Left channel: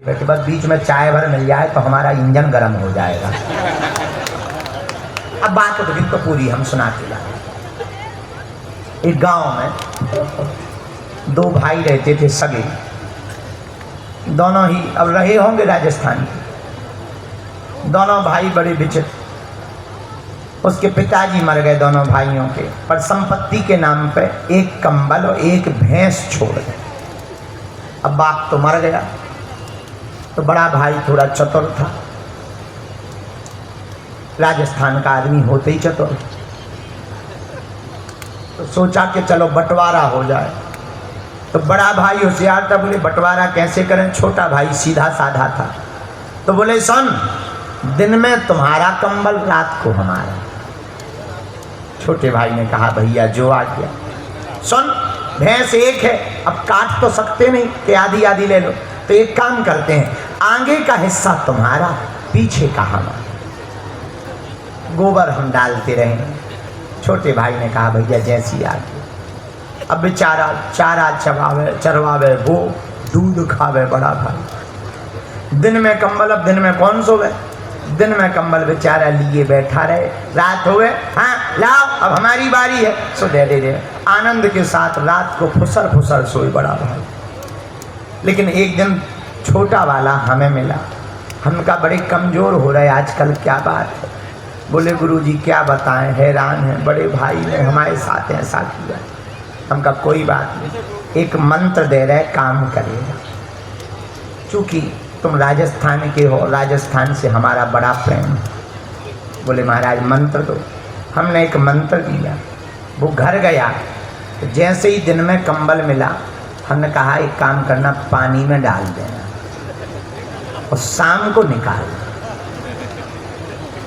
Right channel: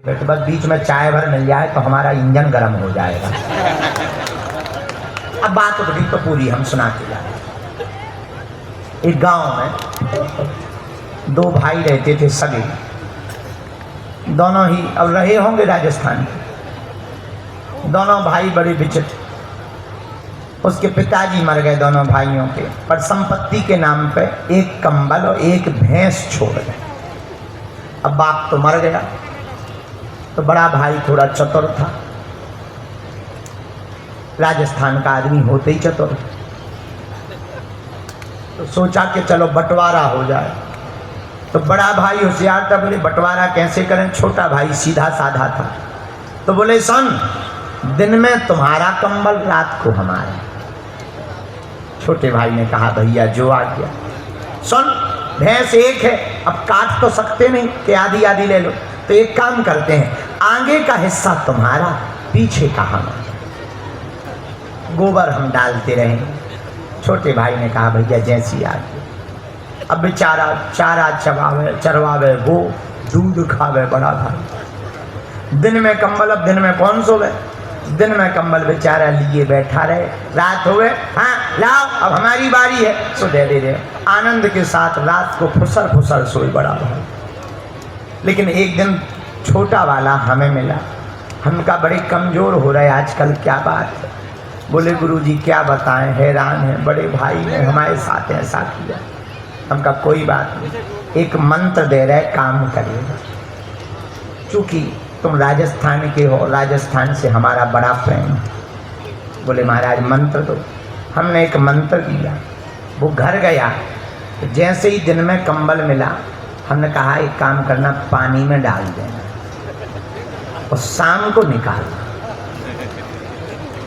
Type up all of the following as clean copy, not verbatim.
तो बस बीच में चाय भर मिल जाए तो हमारा इंजन गर्म हो जाएगा। अब बात तो पूरी हम सुनाते जा रहे। एक गांव में दो भाई रहते थे सगे, दोनों ही अब रहे होंगे राजस्थान के। दोनों भाई बड़े विचित्र। उसके पिताजी मर गए दोनों भाइयों के, पर संपत्ति के नाम पे एक कंबल और एक भैंस छोड़ गए। अब बाप तो मर गया, तो बड़ा भाई थोड़ा चतुर था, राजस्थान का आदमी होते ही चतुर, तो सोचा कि चलो बंटवारा हो जाए। तो बड़ा भाई होशियार था, बोले बंटवारा कैसे करें। छोटा भाई सीधा साधा था, तो बोले सुन, दिन में तुम्हारा कंबल, रात को हमारा। छोटे भाई ने कहा भैया जो आ गया। सुन, भैंस एक है, अब काट तो सकते नहीं कि आधी आधी ले लो, तो एक काम करते हैं, आगे का हिस्सा तुम्हारा, पीछे का हमारा, गोबर हम डालते रहे। छोटे भाई ने कहा भैया जैसी आगे। अब बेचारा चारा चरवावे वो, दूध खावे बड़ा भाई। दिन में कंबल, अब दिन में कौन सोवे, दिन में कंबल बेचारा लिए बैठा रहे। रात हो गए, हाँ लाओ अब हमारी बारी है, सो दे रहे। आनंद के साथ रात को फुसर फुसर सोई बड़ा भाई। लेकिन एक दिन छोटा वाला हमें मिला। हम कहा बड़े कमज़ोर हो रहे आजकल, क्या बात है। बोले गुरुजी क्या बताएं, हैरान है, बड़े भाई ने हमारे साथ ऐसा किया। हम कहा कोई बात नहीं, एक मंत्र दे रहे, काम करिएगा। चूँकि तुम राजस्थान के हो, राजस्थान से हमारा बड़ा प्रेम है। बोले महाराज मंत्र दो। हमने एक मंत्र दिया, वो घर गया। जैसे ही दिन में कंबल मिला, हमने कहा एक काम करना, पानी में डाल देना और शाम को निकाल।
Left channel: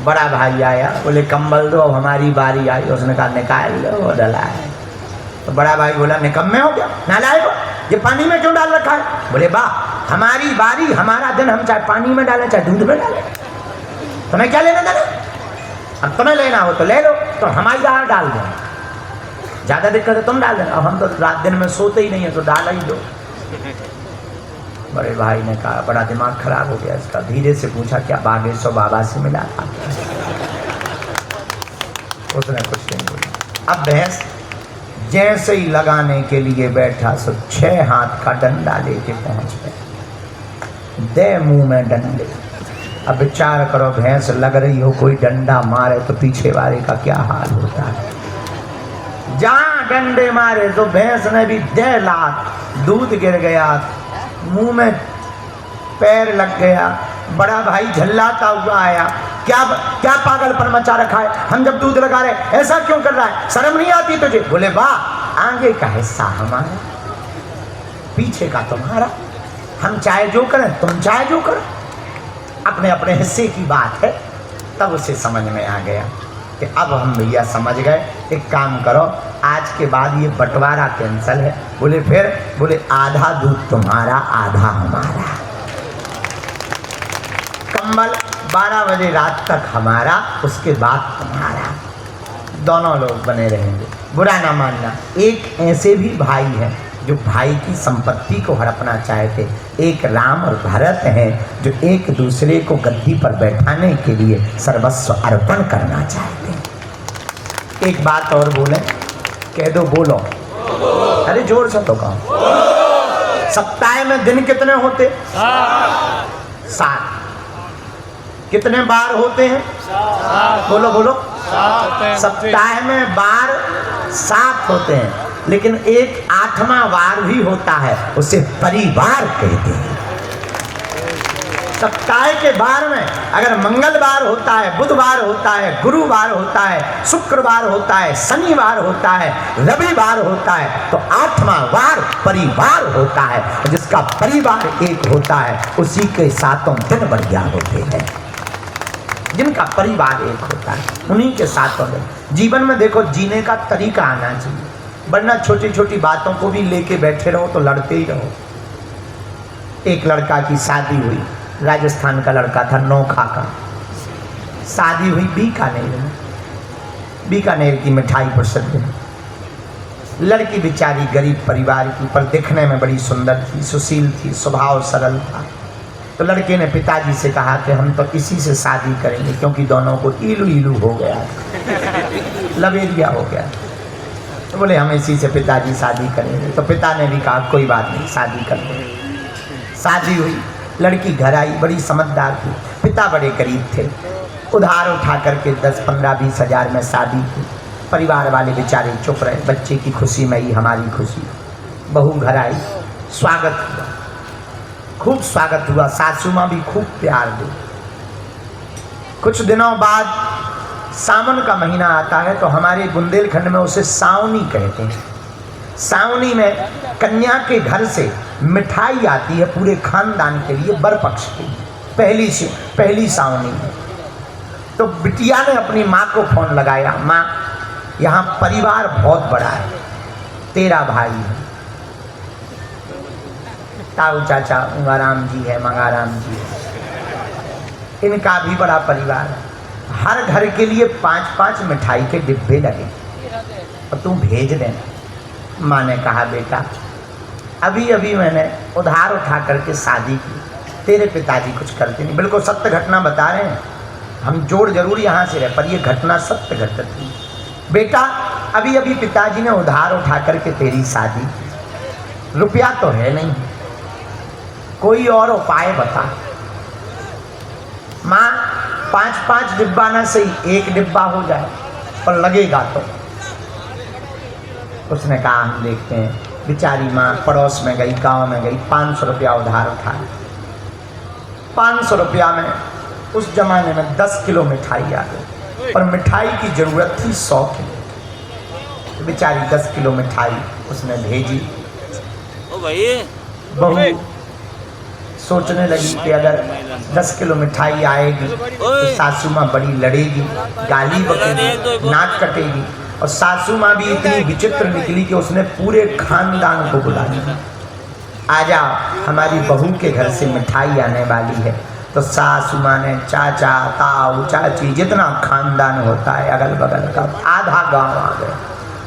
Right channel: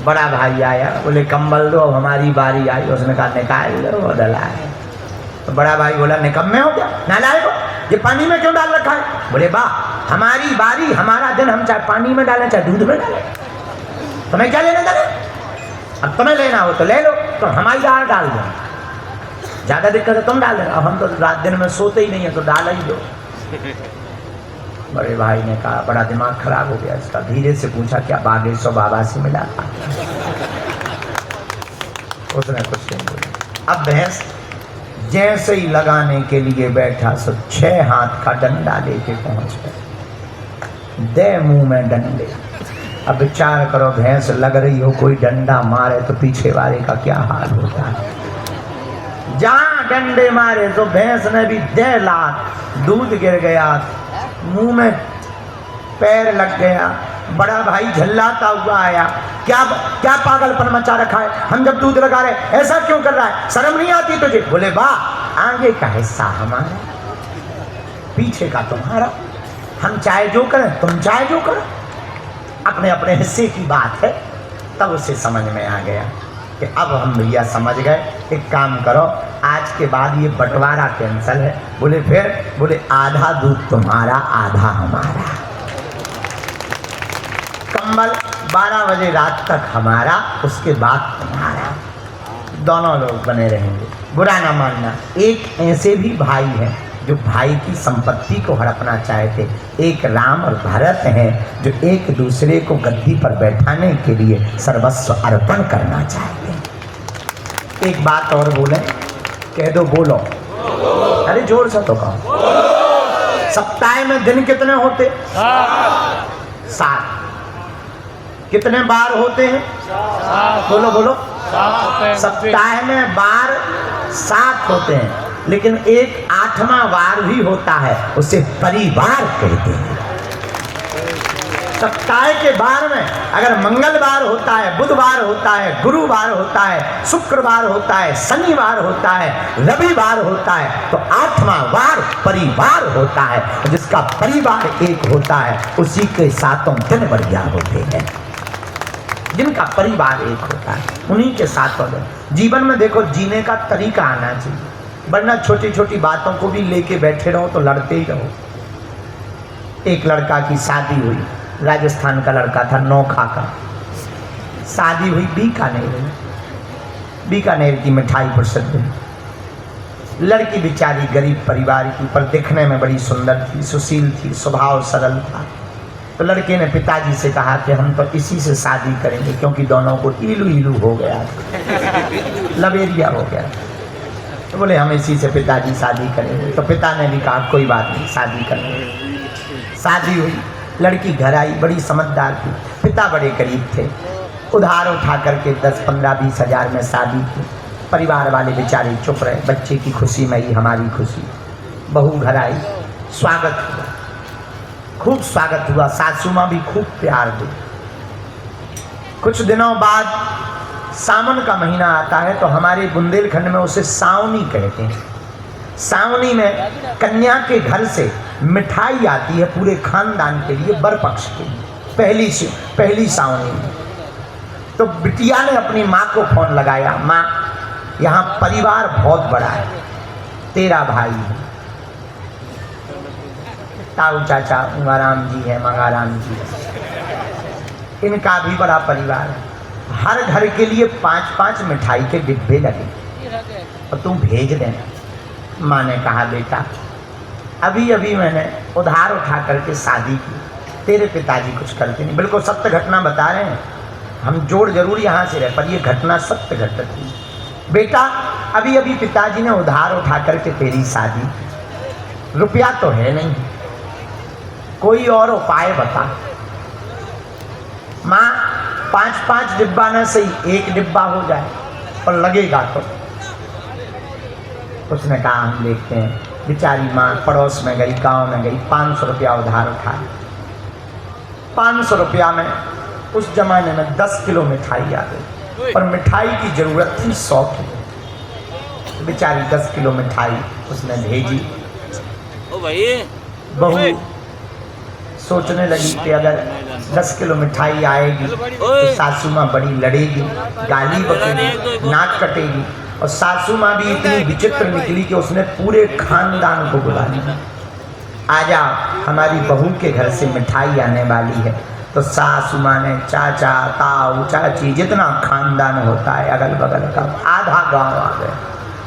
बड़ा भाई आया, बोले कंबल दो, अब हमारी बारी आई। उसने कहा निकाल लो, वो डलाए। तो बड़ा भाई बोला निकम्मे हो गया, नालायक हो, ये पानी में क्यों डाल रखा है। बोले वाह, हमारी बारी, हमारा दिन, हम चाहे पानी में डालें चाहे दूध में डालें, तुम्हें क्या लेना देना। अब तुम्हें लेना हो तो ले लो, तो हमारी दाल डाल दो, ज़्यादा दिक्कत है तुम डाल देना। अब हम तो रात दिन में सोते ही नहीं है, तो डाल ही दो। बड़े भाई ने कहा, बड़ा दिमाग खराब हो गया इसका। धीरे से पूछा क्या बागेश्वर बाबा से मिला था। उसने कुछ नहीं बोला। अब भैंस जैसे ही लगाने के लिए बैठा, सो 6 हाथ का डंडा लेके पहुंच गए, दे मुंह में डंडे। अब विचार करो, भैंस लग रही हो, कोई डंडा मारे तो पीछे वाले का क्या हाल होता है। जहां डंडे मारे तो भैंस ने भी दे लात, दूध गिर गया, मुंह में पैर लग गया। बड़ा भाई झल्लाता हुआ आया, क्या क्या पागलपन मचा रखा है, हम जब दूध लगा रहे ऐसा क्यों कर रहा है, शर्म नहीं आती तुझे। बोले वाह, आगे का हिस्सा हमारा, पीछे का तुम्हारा, हम चाहे जो करें, तुम चाहे जो करो, अपने अपने हिस्से की बात है। तब उसे समझ में आ गया कि अब हम भैया समझ गए, एक काम करो, आज के बाद ये बंटवारा कैंसल है। बोले फिर, बोले आधा दूध तुम्हारा, आधा हमारा, कंबल 12 बजे रात तक हमारा, उसके बाद तुम्हारा, दोनों लोग बने रहेंगे। बुरा ना मानना, एक ऐसे भी भाई हैं जो भाई की संपत्ति को हड़पना चाहते। एक राम और भरत हैं जो एक दूसरे को गद्दी पर बैठाने के लिए सर्वस्व अर्पण करना चाहते हैं। एक बात और बोले, कह दो, बोलो, अरे जोर से तो कहो। सप्ताह में दिन कितने होते? 7। कितने बार होते हैं? 7। बोलो बोलो, 7 होते हैं। सप्ताह में बार 7 होते हैं, लेकिन एक 8वां बार भी होता है, उसे परिवार कहते हैं। सप्ताह के बार में अगर मंगलवार होता है, बुधवार होता है, गुरुवार होता है, शुक्रवार होता है, शनिवार होता है, रविवार होता है, तो 8वां बार परिवार होता है। जिसका परिवार एक होता है, उसी के 7 दिन बढ़िया होते हैं। जिनका परिवार एक होता है, उन्हीं के 7 दिन। जीवन में देखो, जीने का तरीका आना चाहिए, वरना छोटी छोटी बातों को भी लेके बैठे रहो तो लड़ते ही रहो। एक लड़का की शादी हुई, राजस्थान का लड़का था, नोखा का। शादी हुई बीकानेर में, बीकानेर की मिठाई प्रसिद्ध है। लड़की बेचारी गरीब परिवार की, पर दिखने में बड़ी सुंदर थी, सुशील थी, स्वभाव सरल था। तो लड़के ने पिताजी से कहा कि हम तो इसी से शादी करेंगे, क्योंकि दोनों को इलू इलू हो गया, लबेरिया हो गया। तो बोले हम इसी से पिताजी शादी करेंगे। तो पिता ने भी कहा कोई बात नहीं, शादी करेंगे। शादी हुई, लड़की घर आई, बड़ी समझदार थी, पिता बड़े गरीब थे, उधार उठा करके 10, 15, 20 हज़ार में शादी की। परिवार वाले बेचारे चुप रहे, बच्चे की खुशी में ही हमारी खुशी। बहू घर आई, स्वागत हुआ, खूब स्वागत हुआ, सासू माँ भी खूब प्यार दी। कुछ दिनों बाद सावन का महीना आता है, तो हमारे बुंदेलखंड में उसे सावनी कहते हैं। सावनी में कन्या के घर से मिठाई आती है पूरे खानदान के लिए, बर पक्ष के लिए, पहली सावनी में। तो बिटिया ने अपनी माँ को फोन लगाया, माँ यहाँ परिवार बहुत बड़ा है, 13 भाई है, ताऊ चाचा उंगाराम जी है, मंगाराम जी है, इनका भी बड़ा परिवार है। हर घर के लिए 5-5 मिठाई के डिब्बे लगे और तुम भेज देना। माँ ने कहा बेटा अभी अभी मैंने उधार उठा करके शादी की, तेरे पिताजी कुछ करते नहीं। बिल्कुल सत्य घटना बता रहे हैं, हम जोड़ जरूर यहाँ से रहे, पर ये घटना सत्य घटना थी। बेटा अभी अभी पिताजी ने उधार उठा करके तेरी शादी की, रुपया तो है नहीं, कोई और उपाय बता। माँ 5-5 डिब्बा न सही 1 डिब्बा हो जाए, पर लगेगा तो। उसने कहा हम देखते हैं। बेचारी माँ पड़ोस में गई, गांव में गई, 500 रुपया उधार उठाया। 500 रुपया में उस जमाने में 10 किलो मिठाई आ गई, और मिठाई की जरूरत थी 100 किलो। तो बेचारी 10 किलो मिठाई उसने भेजी। ओ भाई, बहू सोचने लगी कि अगर 10 किलो मिठाई आएगी तो सासू माँ बड़ी लड़ेगी, गाली बकेगी, नाक कटेगी। और सासू माँ भी इतनी विचित्र निकली कि उसने पूरे खानदान को बुला लिया, आजा हमारी बहू के घर से मिठाई आने वाली है। तो सासू माँ ने चाचा, ताऊ, चाची, जितना खानदान होता है अगल बगल का, आधा गांव आ गया।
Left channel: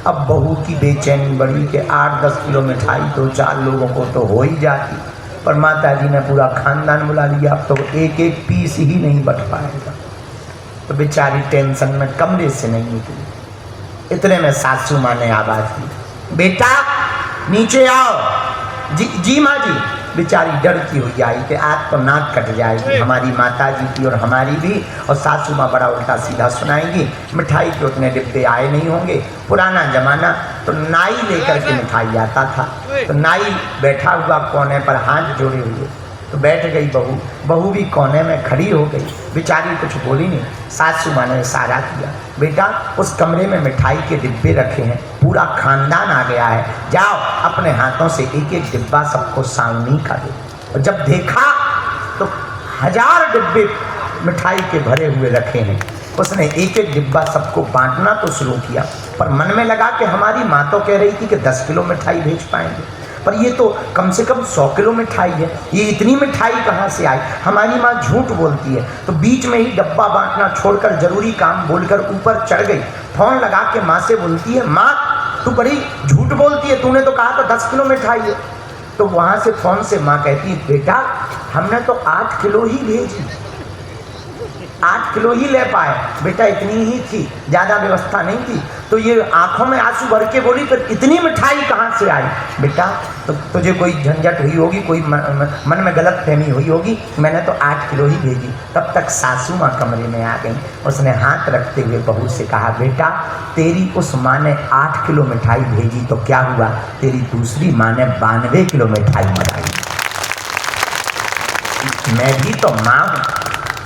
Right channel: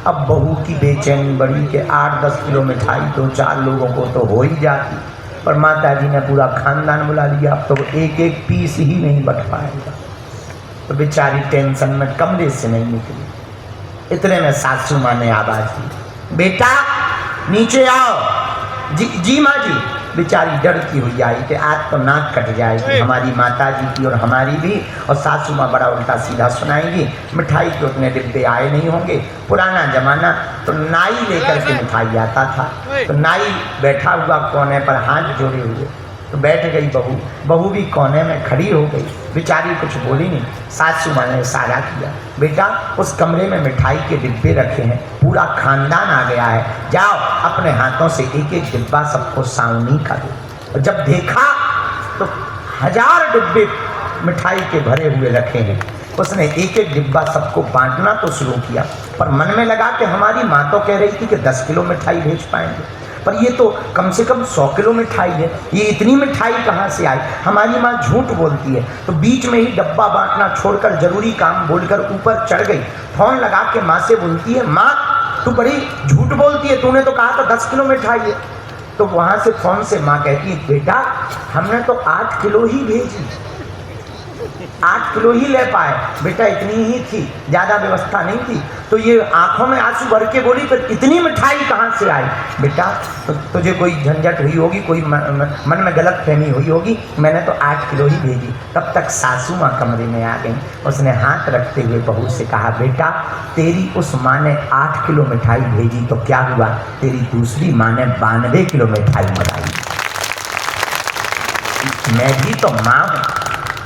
अब बहू की बेचैनी बढ़ी कि 8-10 किलो मिठाई 2-4 लोगों को तो हो ही जाती, पर माता जी ने पूरा खानदान बुला लिया, अब तो 1-1 पीस ही नहीं बच पाएगा। तो बेचारी टेंशन में कमरे से नहीं निकली। इतने में सासू माँ ने आवाज़ दी, बेटा नीचे आओ। जी माँ जी। बेचारी डरती हुई आई कि आज तो नाक कट जाएगी हमारी माता जी की और हमारी भी, और सासू माँ बड़ा उल्टा सीधा सुनाएंगी। मिठाई के उतने डिब्बे आए नहीं होंगे, पुराना जमाना, तो नाई लेकर के मिठाई आता था। तो नाई बैठा हुआ कोने पर हाथ जोड़े हुए, तो बैठ गई बहू भी कोने में खड़ी हो गई। बेचारी कुछ बोली नहीं। सासू माँ ने इशारा किया, बेटा उस कमरे में मिठाई के डिब्बे रखे हैं, पूरा खानदान आ गया है, जाओ अपने हाथों से 1-1 डिब्बा सबको सावनी का दे। और जब देखा तो 1000 डिब्बे मिठाई के भरे हुए रखे हैं। उसने 1-1 डिब्बा सबको बांटना तो शुरू किया, पर मन में लगा कि हमारी माँ तो कह रही थी कि 10 किलो मिठाई भेज पाएंगे, पर ये तो कम से कम 100 किलो मिठाई है, ये इतनी मिठाई कहाँ से आई। हमारी माँ झूठ बोलती है। तो बीच में ही डब्बा बांटना छोड़कर जरूरी काम बोलकर ऊपर चढ़ गई। फोन लगा के माँ से बोलती है, माँ तू बड़ी झूठ बोलती है, तूने तो कहा था 10 किलो मिठाई है। तो वहाँ से फोन से माँ कहती है, बेटा हमने तो 8 किलो ही भेजी, 8 किलो ही ले पाए बेटा, इतनी ही थी, ज़्यादा व्यवस्था नहीं थी। तो ये आंखों में आंसू भर के बोली कि इतनी मिठाई कहाँ से आई। बेटा तो तुझे कोई झंझट हुई होगी, कोई मन में गलत फहमी हुई होगी, मैंने तो 8 किलो ही भेजी। तब तक सासू माँ कमरे में आ गई। उसने हाथ रखते हुए बहू से कहा, बेटा तेरी उस माँ ने 8 किलो मिठाई भेजी तो क्या हुआ, तेरी दूसरी माँ ने 92 किलो मिठाई मंगाई। मैं भी तो माँ हूँ,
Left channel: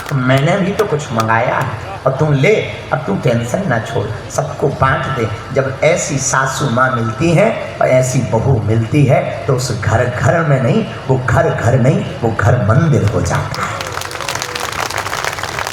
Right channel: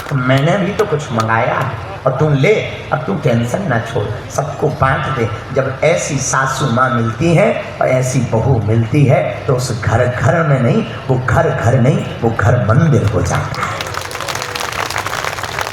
तो मैंने भी तो कुछ मंगाया, और तुम ले, अब तू टेंशन ना छोड़, सबको बांट दे। जब ऐसी सासू माँ मिलती है और ऐसी बहू मिलती है तो उस घर घर में नहीं, वो घर घर नहीं, वो घर मंदिर हो जाता है।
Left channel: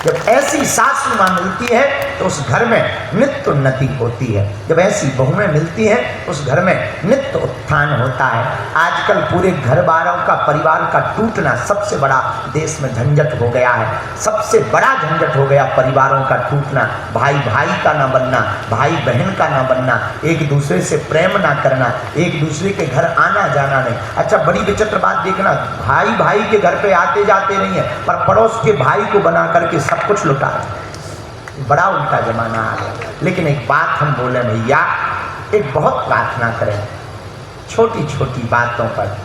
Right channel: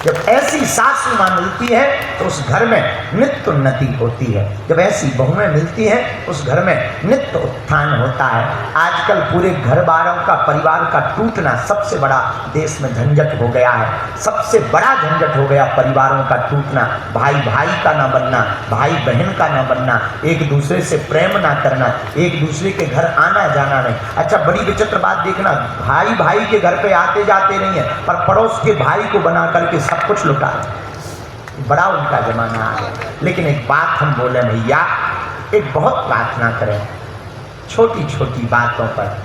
जब ऐसी सासू माँ मिलती है तो उस घर में नित्य उन्नति होती है। जब ऐसी बहुएं मिलती हैं उस घर में नित्य उत्थान होता है। आजकल पूरे घर वालों का, परिवार का टूटना सबसे बड़ा देश में झंझट हो गया है। सबसे बड़ा झंझट हो गया परिवारों का टूटना, भाई भाई का ना बनना, भाई बहन का ना बनना, एक दूसरे से प्रेम ना करना, एक दूसरे के घर आना जाना नहीं। अच्छा, बड़ी विचित्र बात देखना, भाई भाई के घर पे आते जाते नहीं है, पर पड़ोस के भाई को बना करके सब कुछ लुटा है। बड़ा उनका जमाना आ गया। लेकिन एक बात हम बोले भैया, एक बहुत प्रार्थना करें, छोटी छोटी बातों पर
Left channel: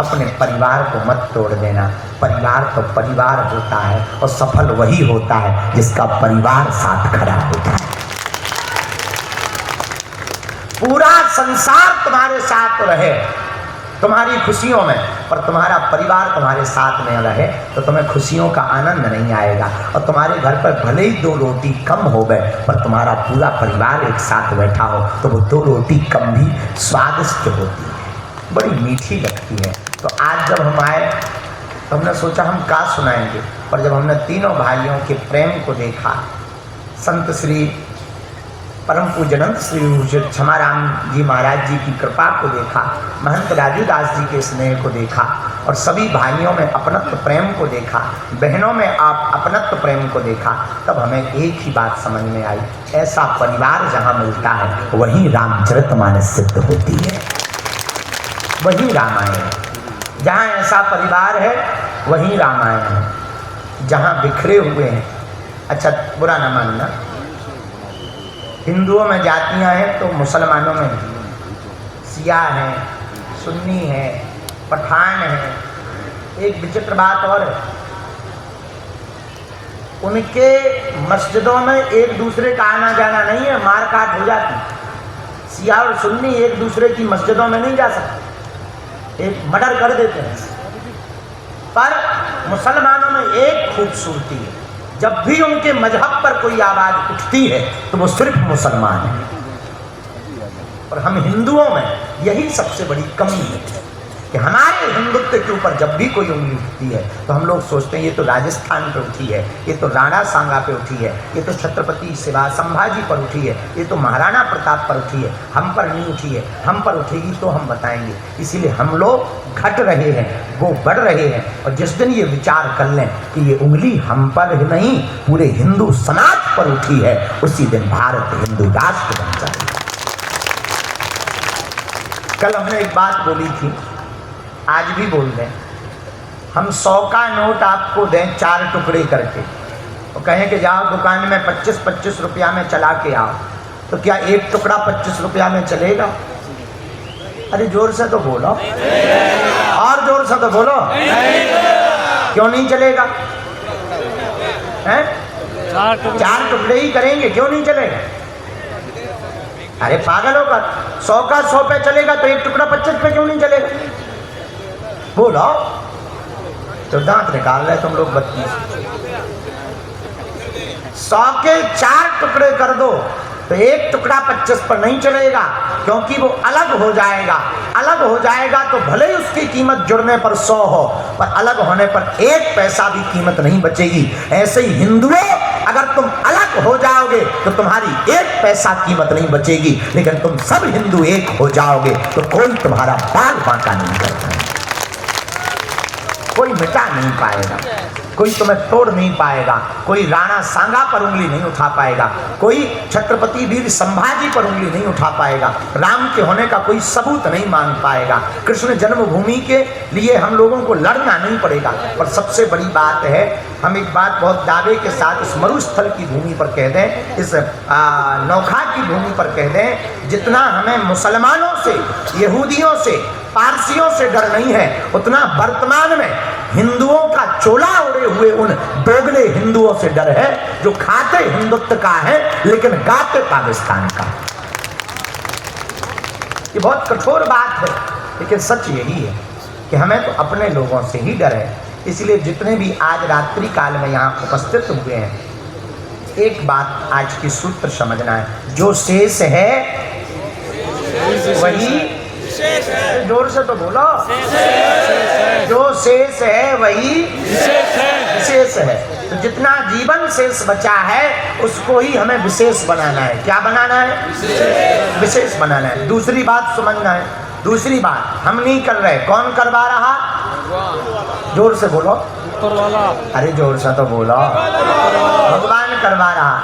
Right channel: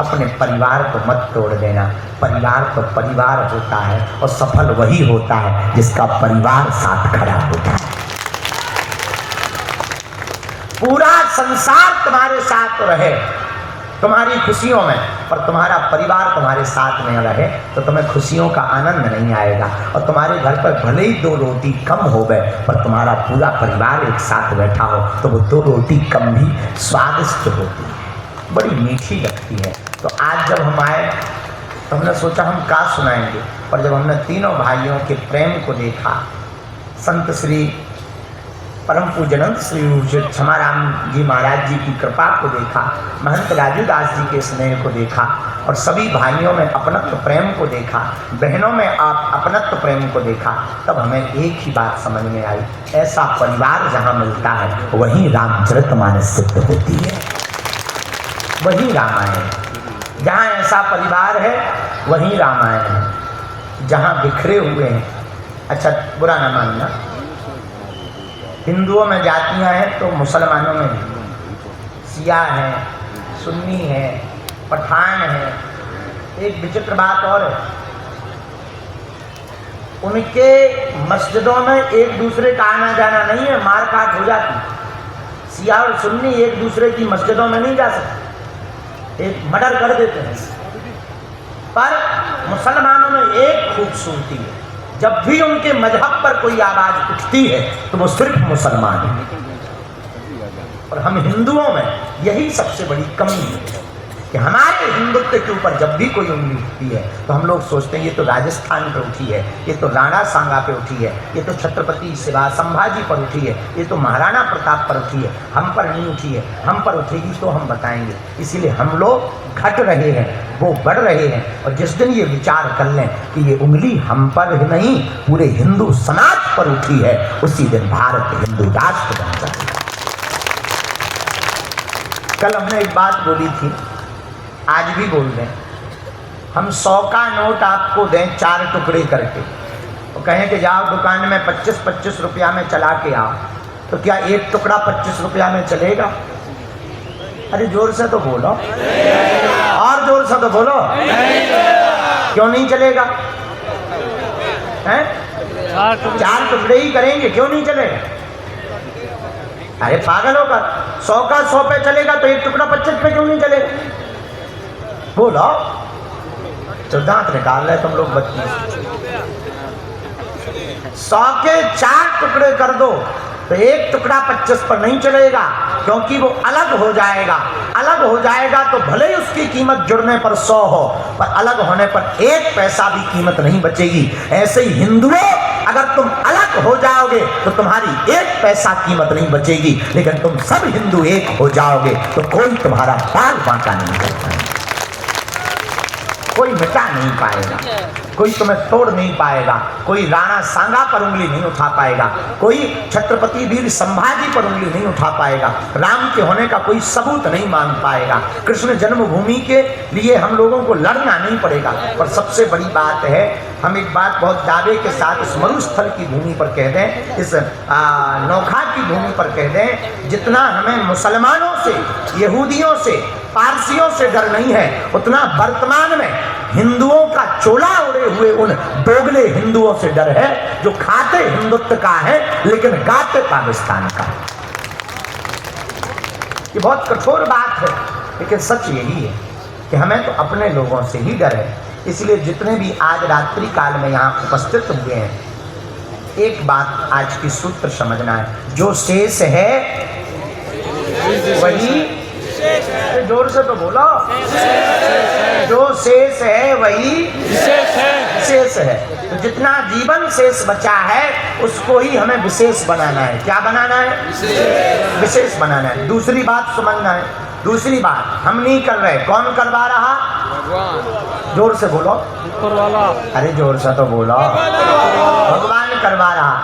अपने परिवार को मत तोड़ देना। परिवार तो परिवार होता है और सफल वही होता है जिसका परिवार साथ खड़ा होता है। पूरा संसार तुम्हारे साथ रहे तुम्हारी खुशियों में, पर तुम्हारा परिवार तुम्हारे साथ में रहे तो तुम्हें खुशियों का आनंद नहीं आएगा। और तुम्हारे घर पर भले ही 2 रोटी कम हो गए, पर तुम्हारा पूरा परिवार एक साथ बैठा हो तो वो 2 रोटी कम भी स्वादिष्ट होती है, बड़ी मीठी लगती है। तो आज जब हम आए तो हमने सोचा हम क्या सुनाएंगे, पर जब हमने तीनों भाइयों के प्रेम को देखा, संत श्री परम पूजनंत श्री क्षमाराम जी महाराज जी की कृपा को देखा, महंत राजूदास जी के स्नेह को देखा, और सभी भाइयों में अपनत्व प्रेम को देखा, बहनों में आप अपनत्व प्रेम को देखा, तब हमें एक ही बात समझ में आई, ऐसा परिवार जहाँ मिलता है वहीं रामचरितमानस सिद्ध होती है, वही रामायण। जहाँ ऐसा परिवार है वही रामायण है। जहाँ बिखरे हुए हैं, अच्छा बुरा न मानना, हिंदुओं में जातियां हैं तो मुसलमानों में भी सिया हैं, सुन्नी हैं, पठान हैं। एक विचित्र बात और, उनके मस्जिदों में एक दूसरे का आना जाना नहीं है, मार काट हो जाती। सिया और सुन्नी एक दूसरे की मस्जिदों में नहीं जा सकते, एक मर्डर कर देते हैं। पर मुसलमानों में एक खूबसूरती है, जब भी उनके मजहब पर कोई आवाज उठती है तो वो सिर्फ मुसलमान है। और हम हिंदुओं में यही सबसे बड़ी कमी है कि हमारे हिंदुत्व के ऊपर जब भी कोई उंगली उठती है तो हम लोग सोचते हैं ये तो राजस्थान पे उठी है, ये तो राणा सांगा पे उठी है, ये तो छत्रपति शिवा संभाजी पर उठी है, ये तो महाराणा प्रताप पर उठी है, हम पर नहीं उठी है। हम पर उठेगी तो हम बताएंगे। इसीलिए हम लोग घट रहे हैं, वो बढ़ रहे हैं। और जिस दिन ये विचार कर लें कि ये उंगली हम पर नहीं पूरे हिंदू समाज पर उठी है, उसी दिन भारत हिंदू राष्ट्र बन जाएगा। कल हमने एक बात बोली थी, आज भी बोल दें, हम 100 का नोट आपको दें 4 टुकड़े करके, तो कहें कि जाओ दुकान में 25-25 रुपया में चला के आओ, तो क्या एक टुकड़ा 25 रुपया में चलेगा? अरे जोर से तो बोलो, और जोर से तो बोलो, क्यों नहीं चलेगा? हैं? 4 टुकड़े ही करेंगे, क्यों नहीं चलेगा? अरे पागल होगा, 100 का 100 पे चलेगा तो एक टुकड़ा 25 पे क्यों नहीं चलेगा? बोलो, तो दांत निकाल रहे तुम लोग 32। 100 के 4 टुकड़े कर दो तो एक टुकड़ा 25 पर नहीं चलेगा, क्योंकि वो अलग हो जाएगा। अलग हो जाएगा तो भले ही उसकी कीमत जुड़ने पर 100 हो, पर अलग होने पर 1 पैसा भी कीमत नहीं बचेगी। ऐसे ही हिंदुओं, अगर तुम अलग हो जाओगे तो तुम्हारी 1 पैसा कीमत नहीं बचेगी, लेकिन तुम सब हिंदू एक हो जाओगे तो कोई तुम्हारा बाल बांका नहीं कर पाएगा, कोई मिटा नहीं पाएगा, कोई तुम्हें तोड़ नहीं पाएगा, कोई राणा सांगा पर उंगली नहीं उठा पाएगा, कोई छत्रपति वीर संभाजी पर उंगली नहीं उठा पाएगा, राम के होने का कोई सबूत नहीं मांग पाएगा, कृष्ण जन्मभूमि के लिए हम लोगों को लड़ना नहीं पड़ेगा। और सबसे बड़ी बात है, हम एक बात बहुत दावे के साथ इस मरुस्थल की भूमि पर कह दें, इस नौखा की भूमि पर कह दें, जितना हमें मुसलमानों से, यहूदियों से, पारसियों से डर नहीं है, उतना वर्तमान में हिंदुओं का चोला ओढ़े हुए उन दोगले हिंदुओं से डर है जो खाते हिंदुत्व का है लेकिन गाते पाकिस्तान का। ये बहुत कठोर बात है, लेकिन सच यही है कि हमें तो अपने लोगों से ही डर है। इसलिए जितने भी आज रात्रि काल में यहाँ उपस्थित हुए हैं, एक बात आज की सूत्र समझना है, जो शेष है वही जोर से तो बोलो। जो शेष है वही विशेष है। तो जितना जीवन शेष बचा है उसको ही हमें विशेष बनाना है। क्या बनाना है? विशेष बनाना है। दूसरी बात समझना है। दूसरी बात हम नहीं कर रहे, कौन करवा रहा? जोर से बोलो। ऊपर वाला। अरे जोर से तो बोलो। भगवान करवा रहा।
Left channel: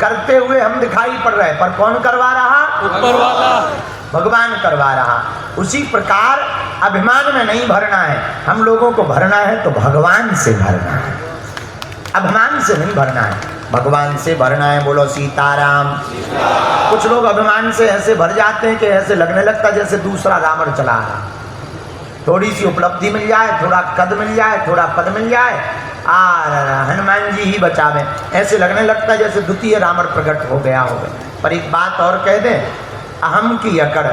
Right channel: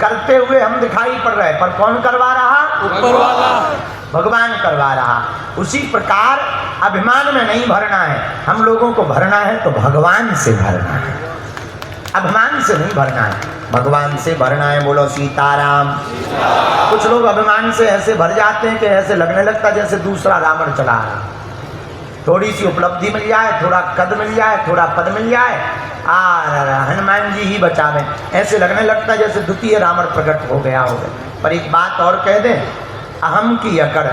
करते हुए हम दिखाई पड़ रहे, पर कौन करवा रहा? ऊपर वाला। भगवान करवा रहा। उसी प्रकार अभिमान में नहीं भरना है, हम लोगों को भरना है तो भगवान से भरना है, अभिमान से नहीं भरना है, भगवान से भरना है। बोलो सीताराम। कुछ लोग अभिमान से ऐसे भर जाते हैं कि ऐसे लगने लगता जैसे दूसरा रावण चला रहा। थोड़ी सी उपलब्धि मिल जाए, थोड़ा कद मिल जाए, थोड़ा पद मिल जाए, हनुमान जी ही बचावे, ऐसे लगने लगता जैसे द्वितीय रावण प्रकट हो गया होगा। पर एक बात और कह दें, अहम की अकड़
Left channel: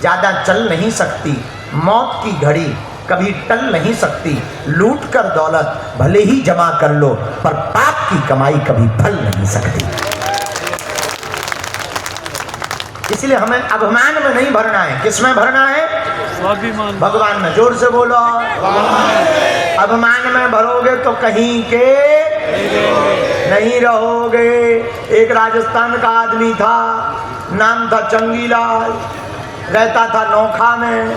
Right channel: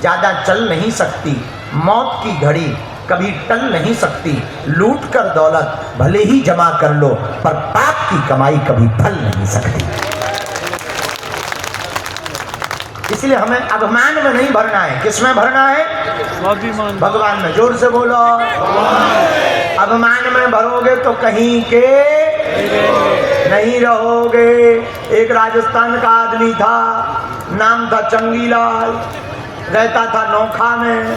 ज़्यादा चल नहीं सकती, मौत की घड़ी कभी टल नहीं सकती। लूट कर दौलत भले ही जमा कर लो, पर पाप की कमाई कभी फल नहीं सकती। इसलिए हमें अभिमान में नहीं भरना है। किसमें भरना है? स्वाभिमान। भगवान में। जोर से बोलो। अभिमान में भरोगे तो कहीं के नहीं रहोगे। एक राजस्थान का आदमी था, नाम था चंगीलाल, रहता था नौखा में।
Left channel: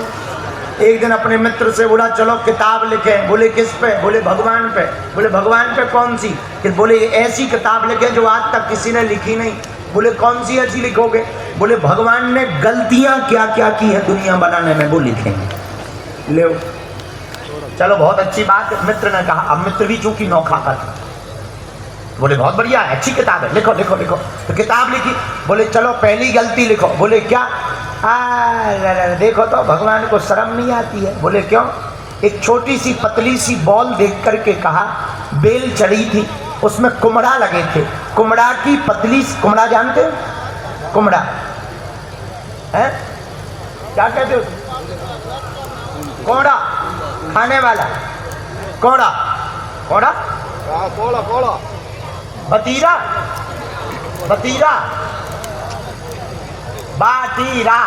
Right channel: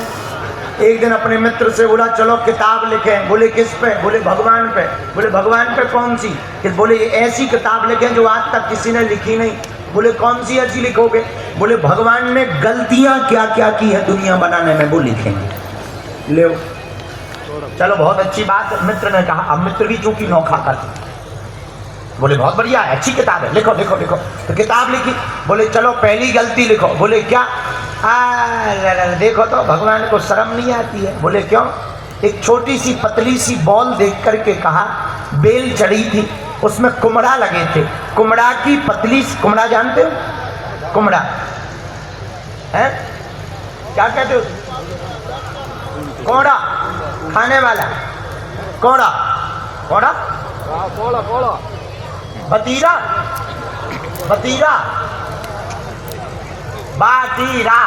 एक दिन अपने मित्र से बोला चलो किताब लिखें। बोले किस पे? बोले भगवान पे। बोले भगवान पे कौन सी? बोले ऐसी किताब लिखें जो आज तक किसी ने लिखी नहीं। बोले कौन सी ऐसी लिखोगे? बोले भगवान ने गलतियां क्या क्या की है दुनिया बनाने में, वो लिखेंगे। ले चलो बहुत अच्छी बात है, मित्र ने कहा। अब मित्र भी चूंकि नौखा का था, बोले बहुत बढ़िया है, अच्छी किताब है, लिखो लिखो लिखो। तो किताब लिखी। बोले चलो पहली गलती लिखो। बोले क्या? देखो तो भगवान को शर्म नहीं आती है। बोले क्यों? एक छोटी सी पतली सी बॉल देख करके कहा, बेल चढ़ी थी, उसमें कुमड़ा लगे थे, कुमड़ा की पतली, कुमड़ा जानते हो? कुमड़ा है क्या कहते हो? कोड़ा, खाने वाला कोड़ा। कोड़ा बतीरा, बतीरा, बातीरा,